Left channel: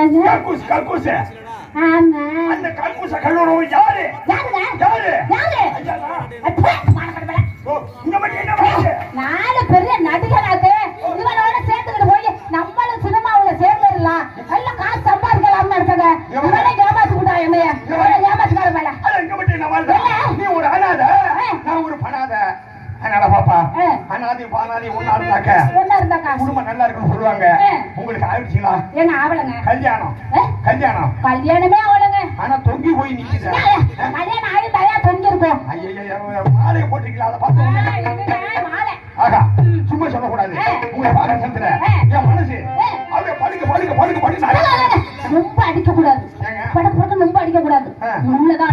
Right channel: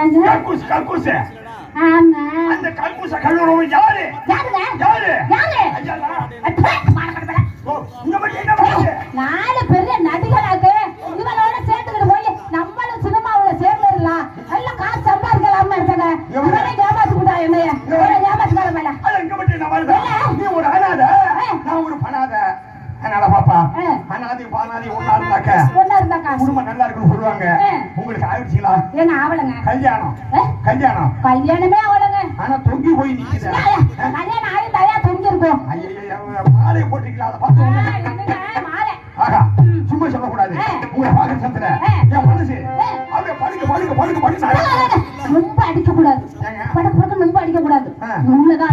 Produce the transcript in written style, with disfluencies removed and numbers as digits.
என்னங்க கக்கூஸ் கக்கூஸ் ஆமா அந்த கக்கூஸ கல்லூரி யாரு யாருங்க யாரு யாரு ஐயா அப்பா மார்க்கடல ஓ இந்த மாதிரி என்ன பண்ணுது நானே பெரிய நடிகனாக்கு இவனோட சேர்த்துக்கிட்டு போய் நம்மளும் சினிமாவுல சேர்ந்துடலாம் எல்லாம் காசு சம்பாதிக்கலாம்னு இருக்காங்க இவனே ஏமாத்தி கூட்டா என்னைய ஏமாத்துக்கார மேல இங்க மட்டும் நான் வாழ்றேன் நீ ஒரு அனாதை நான் ஒரு பனாதை அதனால பாப்பா அனாதை பானாதி ஒன்னா இருந்தாக்க குடும்பம் நல்லா இருக்குன்னு சொல்லுவாங்க உங்களுக்கு ஆயிடுச்சுங்களா என்ன ஆவலங்க கல்யாணம் கல்யாணம் கல்யாணமே ஆவலங்க ஆனா தொங்கி போய் நிக்குது கல்யாணம் ஆகி தயா தொங்கி இருக்கும் ஐயோ மாலையை போட்டுக்கலாம் அதை பார்த்து மாலை ஆகா சும்மா சொல்லக்கூடாது உங்களை பார்க்க சந்திர என் மனசு அப்படியே படுக்க படுக்க படுக்க படுக்க ரொம்ப அடிக்க கூடாது படுக்க படுக்க ரொம்ப அடிக்க கூடாது உள்ளதான்